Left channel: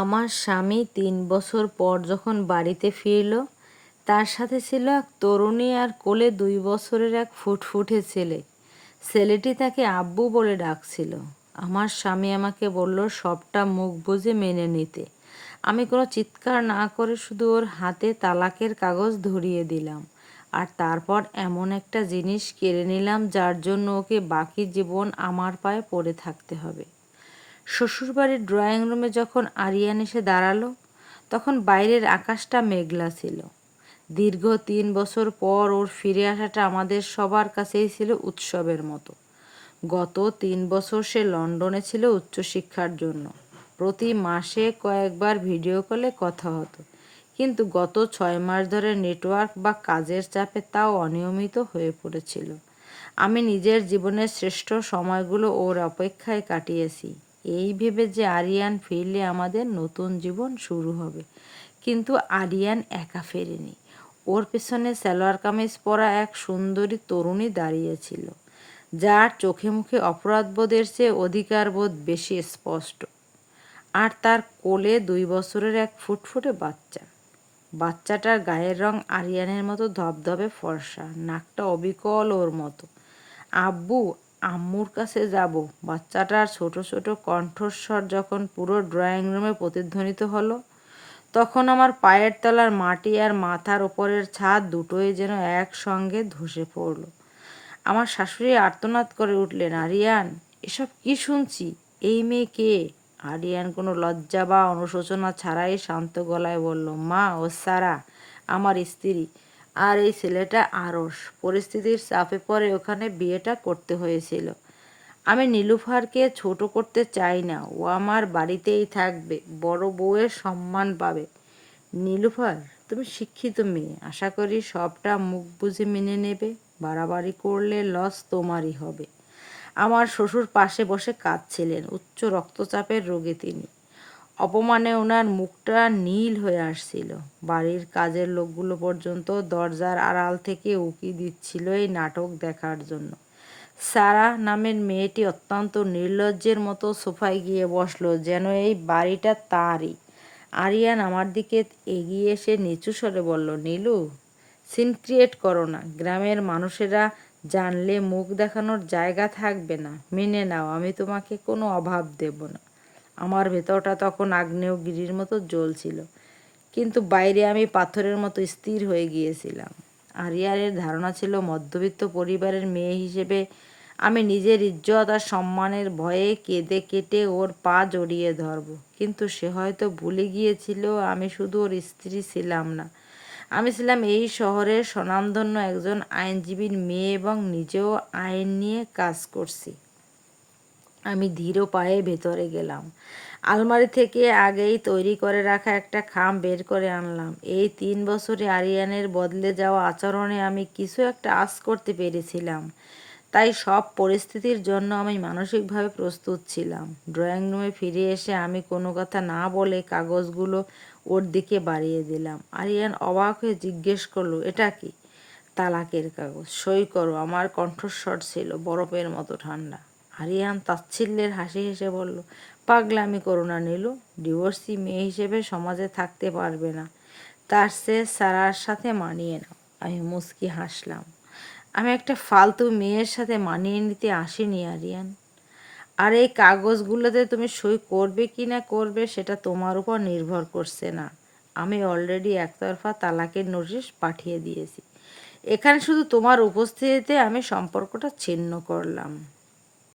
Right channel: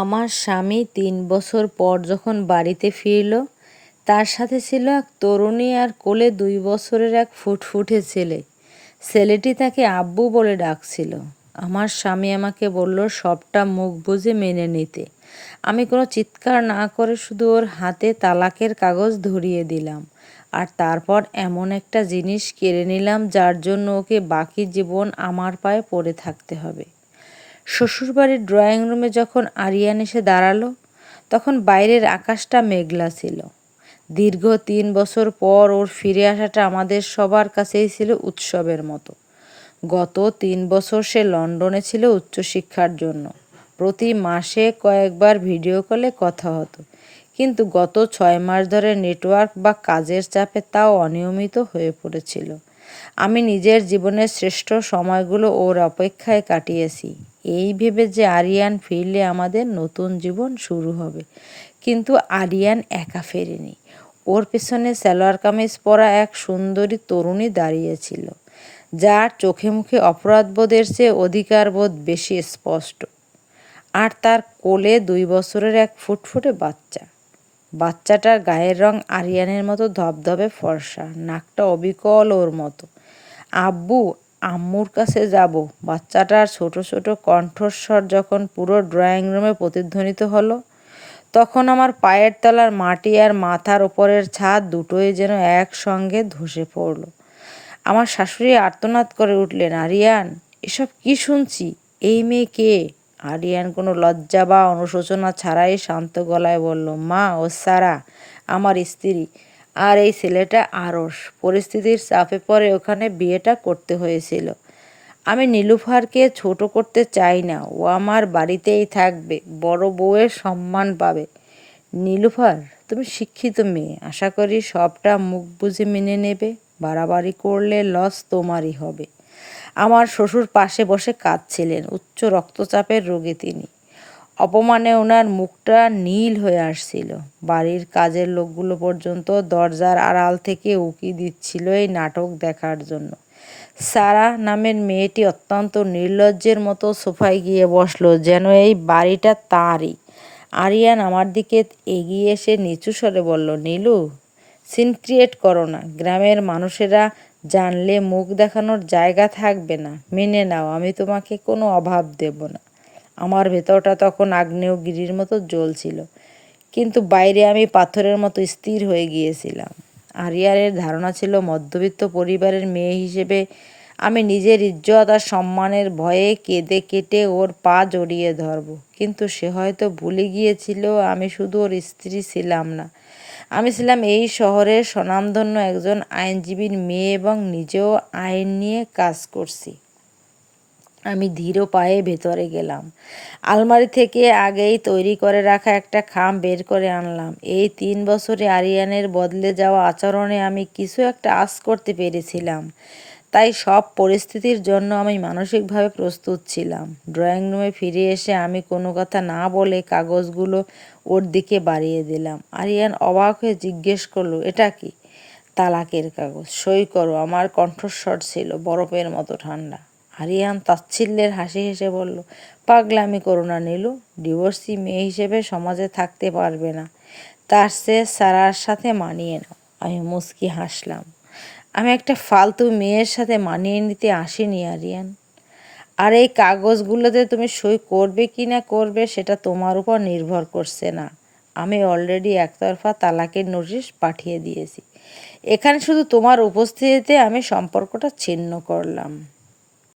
আমার স্বামী ৩ বছর পর যখন বাড়িতে ফিরল, তার সাথে ছিল এক তরুণী আর কোলে ২ বছরের এক ফুটফুটে ছেলে। ছেলেটি তাকে আব্বু বলে ডাকছিল। আমার স্বামী আমাকে বলল সবটা মুখ বুজে মেনে নিতে। আমি কোনো চিৎকার না করে শুধু ওর হাতে তালাকের কাগজ ধরিয়ে দিলাম। আর তারপর এমন একটা জিনিস কেড়ে নিলাম যার জন্য ওকে বাকি জীবন আমার পায়ে পড়ে থাকতে হবে। শ্বশুরবাড়ির ড্রয়িং রুমে যখন আরিয়ান এসে দাঁড়ালো, তখন বাইরের আকাশটা মেঘলা ছিল। দীর্ঘ ৩ বছর পর ওর ফিরে আসাটা আমাদের সবার কাছেই ছিল উৎসবের মতো। গত ৩ বছর সে লন্ডনে ছিল উচ্চশিক্ষার জন্য। প্রতি মাসে কয়েকবার ভিডিও কলে কথা হতো, কিন্তু গত ৬ মাস ধরে নেটওয়ার্ক বা কাজের চাপে তাও অনিয়মিত হয়ে পড়েছিল। আমি নিজের জীবনের শ্রেষ্ঠ সময়গুলো ওর অপেক্ষায় কাটিয়েছি, এই ভেবে যে আরিয়ান ফিরলে আমাদের নতুন জীবন শুরু হবে। কিন্তু আরিয়ান একা ফেরেনি। ওর পেছনে সালোয়ার কামিজ পরা এক সুন্দরী তরুণী দাঁড়িয়েছিল, যার চোখে মুখে অপরাধবোধের চেয়ে অধিকারবোধ বেশি স্পষ্ট। আর তার কোলে ২ বছরের এক ফুটফুটে বাচ্চা। বাচ্চাটার গায়ের রং আরিয়ানের মতো ধবধবে ফর্সা, নাকটা অবিকল ওর মতো। আব্বু, আম্মুর কাছে যাব। বাচ্চাটার ছোট ছোট কণ্ঠস্বর যখন পুরো ড্রয়িং রুমে প্রতিধ্বনিত হলো, তখন আমার পায়ের তলার মাটি আর মাথার ওপরের ছাদ দুটোই যেন একসঙ্গে ধসে পড়ল। আমার শাশুড়ি আর্তনাদ করে উঠলেন, আরিয়ান, এসব কি শুনছি? এই মেয়ে কে? আরিয়ান কোনো লজ্জা বা অনুশোচনা ছাড়াই শান্ত গলায় বলল, মা, ও সারা, আমার স্ত্রী। আর এই ছেলেটা আরস। পরিস্থিতির চাপে পড়ে ওখানে বিয়েটা করতে হয়েছিল। আমি নীলুফারকে ছোট করতে চাই না। ও আমার বাড়িতেই থাকবে, বড় বউয়ের সম্মান পাবে। নীলুফার, তুমি শিক্ষিত মেয়ে, আশা করি সবটা মুখ বুঝে মেনে নেবে। বাড়াবাড়ি করলে লস তোমারই হবে। আমার শ্বশুর পাশে বসে কাঁদছিলেন। উচ্চ রক্তচাপের রোগী তিনি। অপমানে ওনার মুখটা নীল হয়ে আসছিল। বাড়ির কাজের লোকগুলো পর্যন্ত দরজার আড়াল থেকে উকি দিচ্ছিল এই নাটক দেখার জন্য। সারা নামের মেয়েটি অত্যন্ত নির্লজ্জের মতো সোফায় গিয়ে বসলো, যেন এই বাড়িটা তাঁরই। আরিয়ান আমার দিকে এগিয়ে এসে নিচু স্বরে বলল, নীলু, সিন ক্রিয়েট করো না। গ্রামের মানুষেরা জানলে মুখ দেখানোর জায়গা থাকবে না। মেনে নাও, আমি তোমাকে কোনো অভাব দেব না। আমার ভেতরটা তখন আগ্নেয়গিরির মতো জ্বলছিল, কিন্তু বাইরে আমি পাথরের মতো স্থির হয়ে গিয়েছিলাম। আরিয়ানের ধারণা ছিল মধ্যবিত্ত পরিবারের মেয়ে হিসেবে আমি নিজের ইজ্জত আর সম্মানের ভয়ে কেঁদে কেটে ওর পা জড়িয়ে ধরব। কিন্তু সে হয়তো ভুলে গিয়েছিল আমি শুধু ওর স্ত্রী ছিলাম না, আমি ছিলাম এই শহরের স্বনামধন্য একজন আইনজীবীর মেয়ে এবং নিজেও আইন নিয়ে কাজ করছি। আমি ধীর পায়ে ভেতরে গেলাম। আলমারি থেকে আগেই তৈরি করে রাখা একটা খাম বের করে আনলাম। এই ৩ বছরে আরিয়ানের বদলে যাওয়া আচরণে আমি কিছু একটা আঁচ করতে পেরেছিলাম। তাই সব পরিস্থিতির জন্য আমি মানসিকভাবে প্রস্তুত ছিলাম। ড্রয়িং রুমে ফিরে এসে আমি কোনো কথা না বলে কাগজগুলো ওর দিকে বাড়িয়ে দিলাম। আরিয়ান অবাক হয়ে জিজ্ঞেস করলো, এটা কি? তালাকের কাগজ। সই করো। আমার কণ্ঠস্বর ছিল বরফের মতো ঠান্ডা। আরিয়ান তাচ্ছিল্যের হাসি হেসে বলল, পাগলামি করো না নীলু। ডিভোর্সি মেয়ে হিসেবে সমাজে থাকতে পারবে না, তার চেয়ে সারার সাথে মানিয়ে নাও। আমি মুচকি হাসলাম। আমি একটা ফালতু মেয়ের সাথে মানিয়ে নিতে আসিনি আরিয়ান। আর এই কাগজগুলোতে তুমি সই করবে কি না করবে সেটা তোমার উপর নির্ভর করছে না। আমি অলরেডি একতরফা তালাকের নোটিশ পাঠিয়ে দিয়েছি। এখানে শুধু তোমার উপস্থিতিতে আমি সম্পর্কটা ছিন্ন করলাম।